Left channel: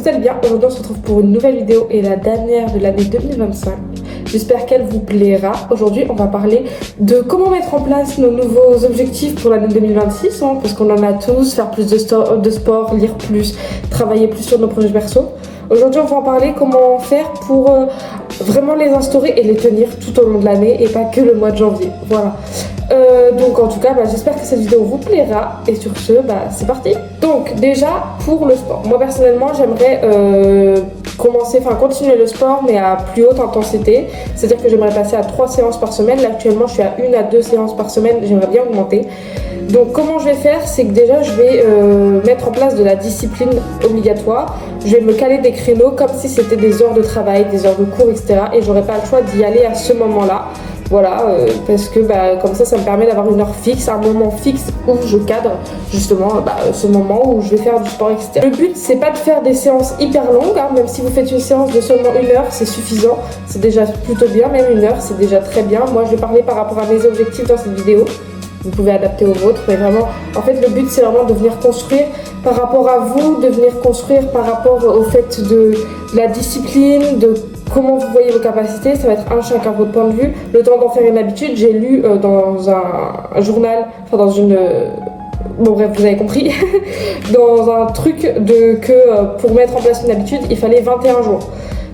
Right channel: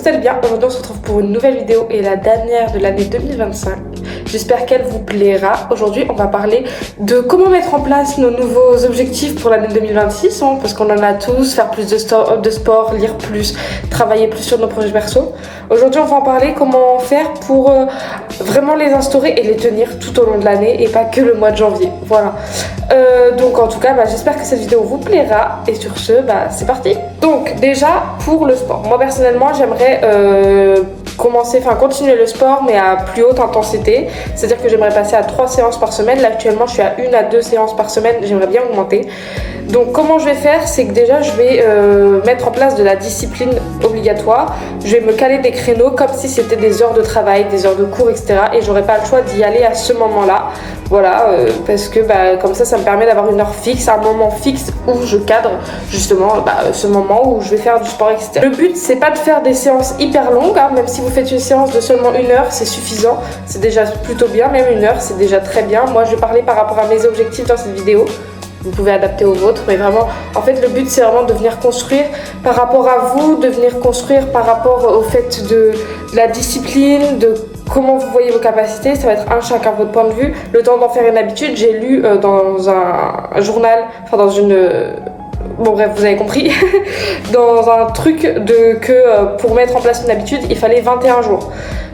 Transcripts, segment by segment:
vous allez bien. Aujourd'hui on se retrouve pour une nouvelle vidéo et la dernière de l'année 2025. J'espère qu'elle vous plaira. Aujourd'hui on va parler de comment mettre en place nos nouveaux objectifs pour l'année 2026 parce qu'on en a tous, faire plus de sport, lire plus, travailler plus sur nos projets perso. Aujourd'hui on va en parler comment faire pour vraiment les instaurer et les tenir tout au long de l'année et pas que le mois de janvier. Voilà. Donc en tout cas j'espère que cette vidéo vous plaira et sur ce c'est parti. Donc déjà pour le sport, moi personnellement j'aimerais continuer le sport mais à plus haute intensité, c'est à dire que j'aimerais passer à 3 séances par semaine. Là actuellement je suis à 1 à 2 séances par semaine, j'aimerais bien augmenter. Donc comment je vais faire, c'est que déjà je vais mettre en place de la discipline obligatoire. Je vais me caler des créneaux comme si c'était des heures de travail, des heures de cours, etc. Et j'aurai pas le choix d'y aller à ce moment-là. Voilà, parce que comme ça me permet d'avoir une heure fixe, un moment fixe où je cadre justement ce moment où je vais faire du sport, etc. Le but c'est pas de faire des séances hyper longues, même si vous faites une séance de seulement 1 heure, c'est suffisant, c'est déjà plutôt bien, même 1 heure c'est déjà très bien. Moi je vais parler par rapport à mes objectifs dans cette vidéo. Vous pouvez adapter aux vôtres, mais vraiment, en fait, le but, c'est vraiment de venir construire par rapport à vous, de venir construire par rapport au fait de la discipline, de comment vous voyez vos capacités. Ça va être chacun votre point de vue. Le temps d'en faire une habitude, j'ai lu dans un journal, dans une... Bon bref, vous avez compris, dans un truc que pour mettre en place une habitude, il fallait 21 jours.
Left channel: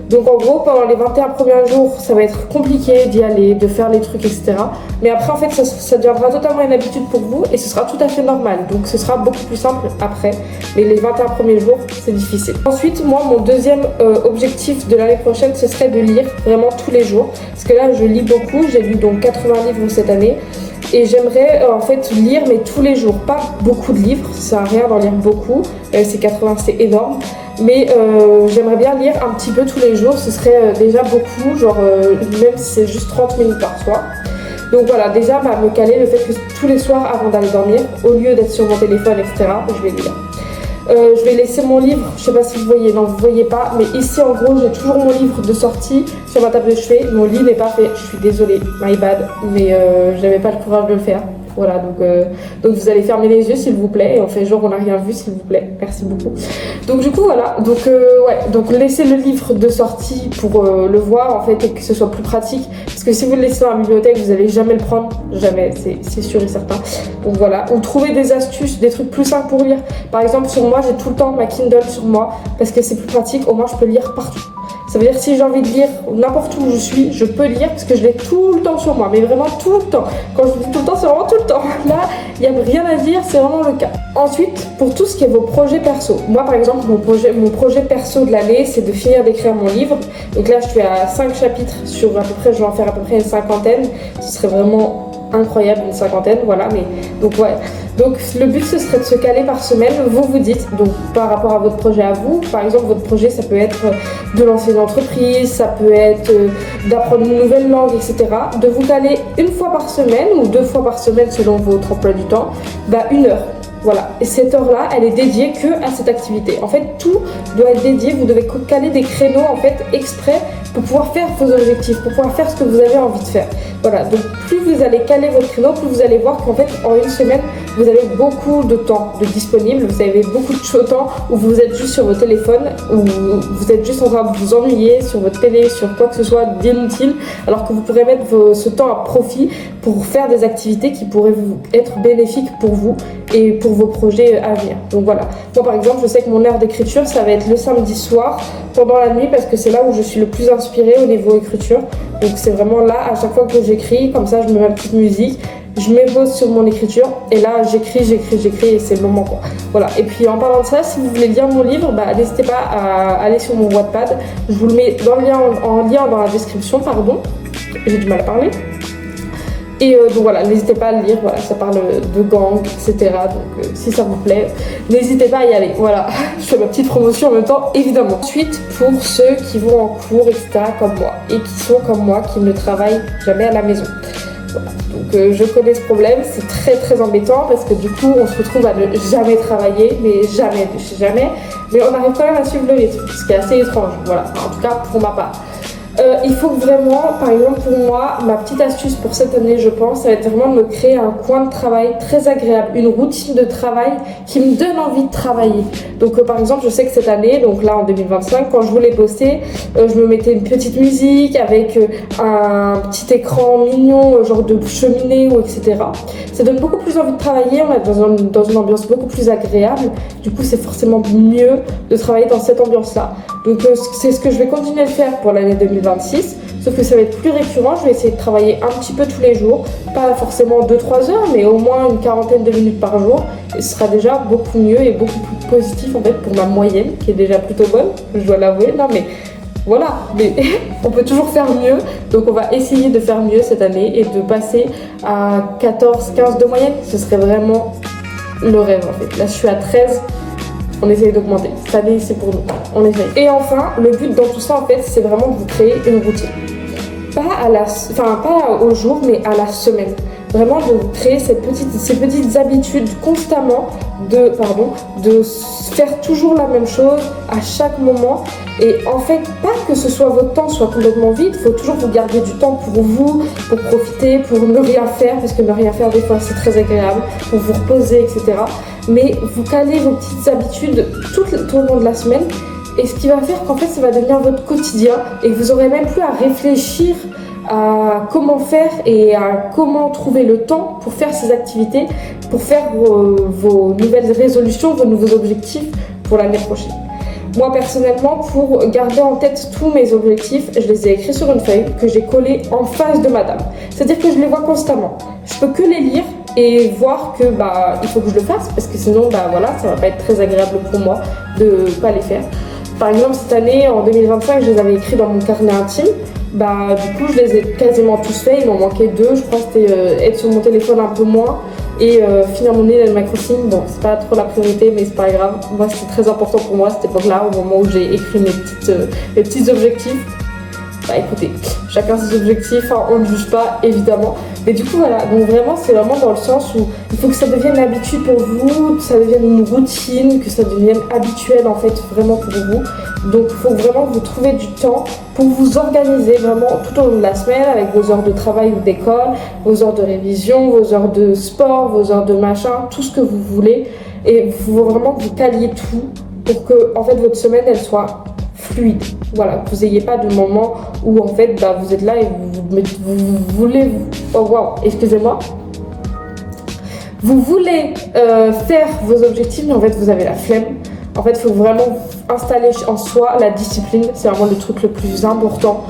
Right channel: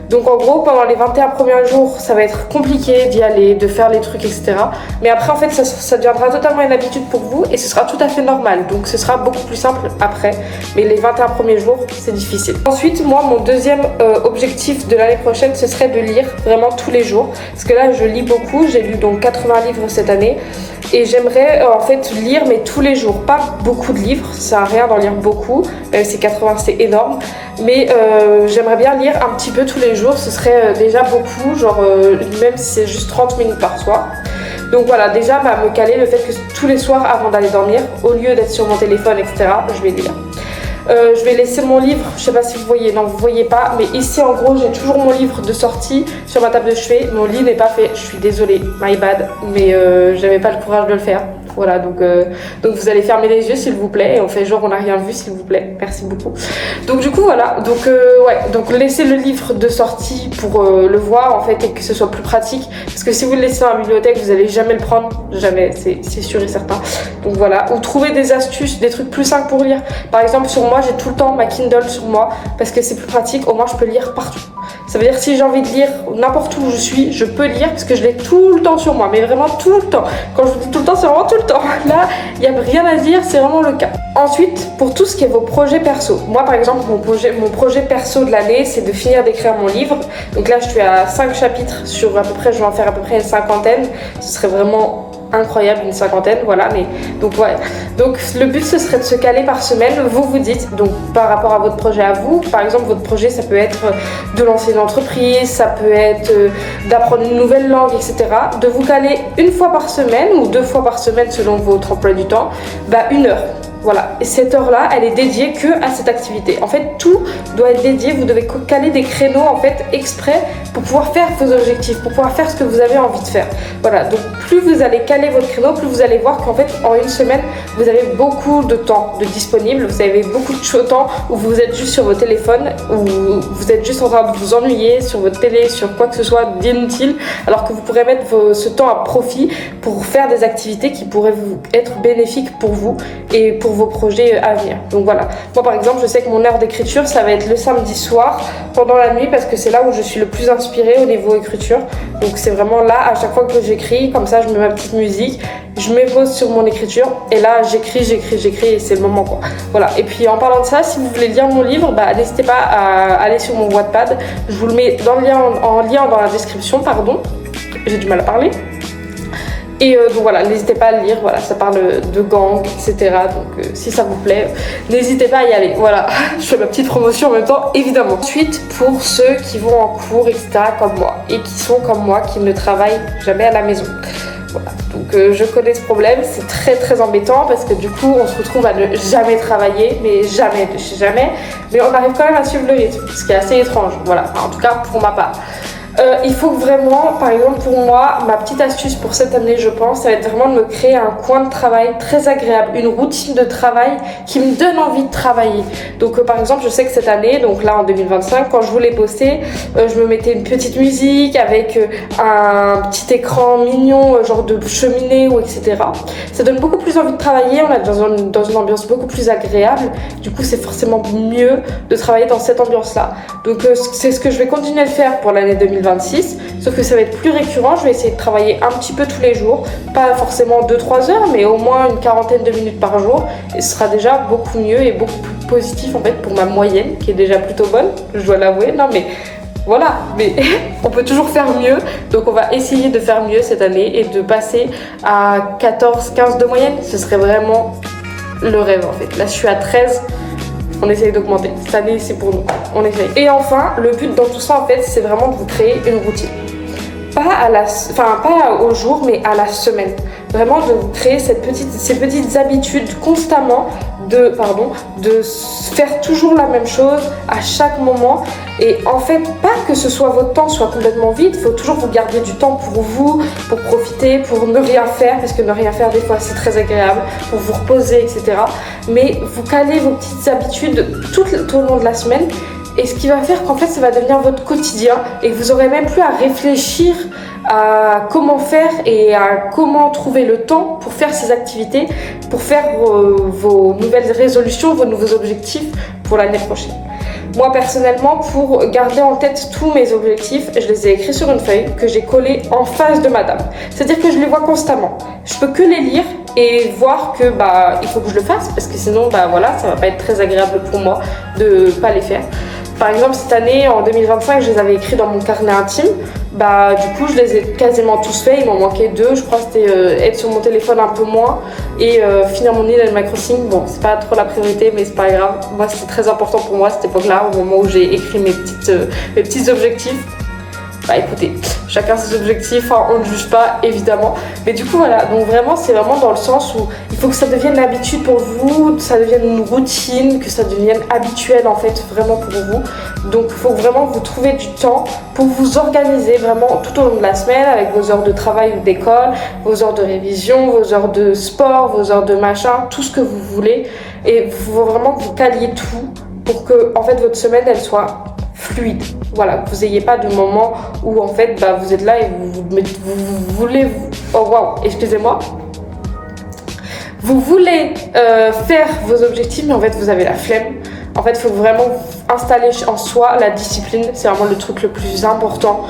Donc en gros, pendant les 21 premiers jours, ça va être compliqué d'y aller, de faire les trucs, etc. Mais après, en fait, ça deviendra totalement une habitude pour vous et ce sera tout à fait normal. Donc ce sera beaucoup plus simple après. Mais les 21 premiers jours, c'est difficile. Ensuite, moi, mon deuxième objectif de l'année prochaine, ce serait de lire vraiment tous les jours. Parce que là, je lis beaucoup. J'ai lu donc 80 livres cette année. Et j'aimerais en fait lire mais tous les jours, pas beaucoup de livres, ça sert à rien d'en lire beaucoup, c'est 80, c'est énorme, mais j'aimerais bien lire un petit peu tous les jours, ce serait déjà beaucoup, genre même si c'est juste 30 minutes par soir. Donc voilà, déjà me caler le fait que tous les soirs avant d'aller dormir, au lieu d'être sur mon téléphone, etc., je vais lire. Je vais laisser mon livre, je sais pas si vous voyez, non vous voyez pas, mais ici en gros j'ai toujours mon livre de sortie sur ma table de chevet. Mon lit n'est pas fait, je suis désolée, my bad, mais j'avais pas le courage de le faire. Voilà, donc vous allez fermer les yeux s'il vous plaît et on fait genre on n'a rien vu s'il vous plaît, merci beaucoup. Donc du coup voilà, donc laissez le livre de sortie pour le voir en fait et que ce soit plus pratique, parce que si vous le laissez dans la bibliothèque vous allez jamais le prendre, jamais, c'est sûr et certain. Donc voilà, ou trouver des astuces, des trucs plus simples pour lire. Par exemple sur moi j'ai tout le temps ma Kindle sur moi parce que c'est plus pratique, au moins je peux lire partout. Ça veut dire que si j'ai envie de lire n'importe où je suis, je peux lire parce que je l'ai tout le temps sur moi, mais vraiment tout le temps. Quand je vous dis tout le temps, c'est vraiment tout le temps. Là, il n'y a rien à dire, c'est vraiment le cas. Ensuite, pour tout ce qui est vos projets perso. Moi, par exemple, mon projet perso de l'année, c'est de finir d'écrire mon livre. Donc là, je suis à 5 chapitres sur à peu près, je vais en faire à peu près une 50aine. Ce serait vraiment incroyable, une 50aine, voilà, mais donc ouais. Donc le but ce serait de se caler par semaine, vous dites, donc par rapport à votre projet à vous, par exemple votre projet ça peut être de lancer une entreprise, ça peut être d'apprendre une nouvelle langue, etc. De vous caler 1 fois par semaine ou 2 fois par semaine selon votre emploi du temps, 1 heure. Voilà, et cette heure-là, elle est dédiée que à cette activité. En fait, tout doit être dédié, vous devez caler des créneaux en fait exprès pour pouvoir faire vos objectifs, pour pouvoir faire ce que vous avez envie de faire. Voilà, donc plus vous allez caler votre créneau, plus vous allez voir qu'en fait, en 1 semaine, vous avez beaucoup de temps de disponible, vous avez beaucoup de temps où vous êtes juste sur vos téléphones, où vous êtes juste en train de vous ennuyer sur votre télé, sur quoi que ce soit d'inutile, alors que vous pourrez mettre ce temps à profit pour faire des activités qui pourraient être bénéfiques pour vous et pour vos projets à venir. Donc voilà, moi par exemple je sais que mon heure d'écriture ça va être le samedi soir pendant la nuit parce que c'est là où je suis le plus inspirée au niveau écriture. Donc c'est vraiment là à chaque fois que j'écris, comme ça je mets ma petite musique, je m'épose sur mon écriture et là j'écris et c'est le moment quoi. Voilà, et puis en parlant de ça, si vous voulez lire mon livre, n'hésitez pas à aller sur mon Wattpad, je vous le mets dans le lien, en lien dans la description, pardon, j'ai du mal à parler. Et donc voilà, n'hésitez pas à le lire, voilà, ça parle de gang, etc. Donc si ça vous plaît, n'hésitez pas à y aller. Voilà, je fais ma petite promotion en même temps, évidemment. Ensuite, pour ceux qui vont en cours, etc. comme moi, et qui sont comme moi, qui ne travaillent jamais à la maison. Voilà. Donc je connais ce problème, c'est très très embêtant parce que du coup on se retrouve à ne jamais travailler, mais jamais de chez jamais. Mais on arrive quand même à suivre le rythme, ce qui est assez étrange, voilà, enfin, en tout cas pour ma part. Il faut vraiment, par exemple pour moi, ma petite astuce pour cette année je pense, ça va être vraiment de me créer un coin de travail très agréable, une routine de travail qui me donne envie de travailler. Donc par exemple je sais que cette année, donc là en 2025, quand je voulais poster, je me mettais une petite musique avec un petit écran mignon, genre de cheminée ou etc. Ça donne beaucoup plus envie de travailler, on est dans une ambiance beaucoup plus agréable, du coup c'est forcément mieux de travailler dans cette ambiance là. Donc c'est ce que je vais continuer de faire pour l'année 2026, sauf que ça va être plus récurrent, je vais essayer de travailler un petit peu tous les jours, pas forcément 2-3 heures, mais au moins une quarantaine de minutes par jour, et ce sera déjà beaucoup mieux et beaucoup plus positif en fait pour ma moyenne, qui est déjà plutôt bonne, je dois l'avouer, non mais voilà, mais on peut toujours faire mieux, donc on va essayer de faire mieux cette année et de passer à 14-15 de moyenne, ce serait vraiment le rêve en fait. Là je suis à 13. On essaye d'augmenter. Cette année, c'est pour nous. On essaye. Et enfin, le but dans tout ça, en fait, c'est vraiment de vous créer une routine. Pas au jour, mais à la semaine. Vraiment de vous créer ces petites habitudes constamment de faire toujours la même chose à chaque moment. Et en fait, pas que ce soit votre temps soit complètement vide, il faut toujours vous garder du temps pour vous, pour profiter, pour ne rien faire, parce que ne rien faire des fois c'est très agréable, pour vous reposer, etc. Mais vous calez vos petites habitudes tout au long de la semaine. Et ce qui va faire qu'en fait ça va devenir votre quotidien et vous n'aurez même plus à réfléchir à comment faire et à comment trouver le temps pour faire ces activités, pour faire vos nouvelles résolutions, vos nouveaux objectifs pour l'année prochaine. Moi personnellement, pour garder en tête tous mes objectifs, je les ai écrits sur une feuille que j'ai collée en face de ma table. C'est-à-dire que je les vois constamment. Je peux que les lire et voir que il faut que je le fasse parce que sinon voilà, ça va pas être très agréable pour moi de pas les faire. Par exemple cette année en 2025 je les avais écrits dans mon carnet intime, du coup je les ai quasiment tous faits, il m'en manquait 2, je crois que c'était être sur mon téléphone un peu moins et finir mon Animal Crossing. Bon c'est pas trop la priorité mais c'est pas grave, moi c'était très important pour moi cette époque là au moment où j'ai écrit mes petits objectifs. Écoutez, chacun ses objectifs, on ne juge pas évidemment. Mais du coup voilà, donc vraiment c'est vraiment dans le sens où il faut que ça devienne une habitude pour vous, que ça devienne une routine, que ça devienne habituel en fait vraiment pour vous. Donc il faut vraiment vous trouver du temps pour vous organiser vraiment tout au long de la semaine avec vos heures de travail ou d'école, vos heures de révision, vos heures de sport, vos heures de machin, tout ce que vous voulez. Et vous vraiment vous caliez tout pour que en fait votre semaine elle soit fluide, voilà, que vous n'ayez pas de moment où en fait vous êtes là et vous voulez, oh waouh, excusez-moi, vous voulez faire vos objectifs mais en fait vous avez la flemme. En fait il faut vraiment installer en soi la discipline, c'est vraiment le truc le plus important.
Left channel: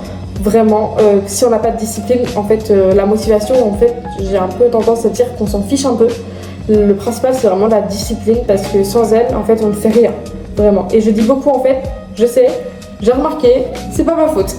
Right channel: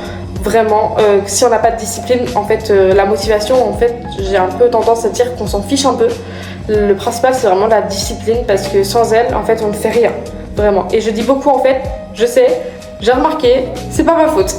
Vraiment, si on n'a pas de discipline, en fait la motivation, en fait j'ai un peu tendance à dire qu'on s'en fiche un peu. Le principal c'est vraiment la discipline parce que sans elle en fait on ne fait rien, vraiment. Et je dis beaucoup en fait, je sais, j'ai remarqué, c'est pas ma faute.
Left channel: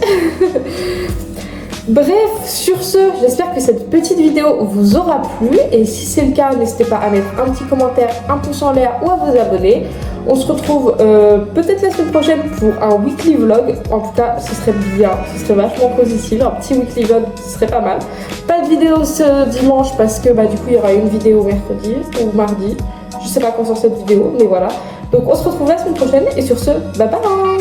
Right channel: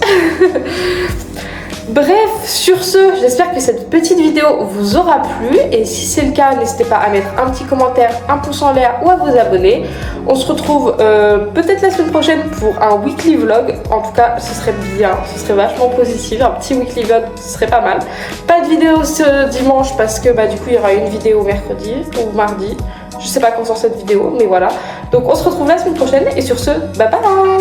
Bref, sur ce, j'espère que cette petite vidéo vous aura plu et si c'est le cas, n'hésitez pas à mettre un petit commentaire, un pouce en l'air ou à vous abonner. On se retrouve peut-être la semaine prochaine pour un weekly vlog. En tout cas, ce serait bien, ce serait vachement positif. Un petit weekly vlog, ce serait pas mal. Pas de vidéo ce dimanche parce que du coup, il y aura une vidéo mercredi ou mardi. Je sais pas quand sort cette vidéo, mais voilà. Donc on se retrouve la semaine prochaine et sur ce, bye bye.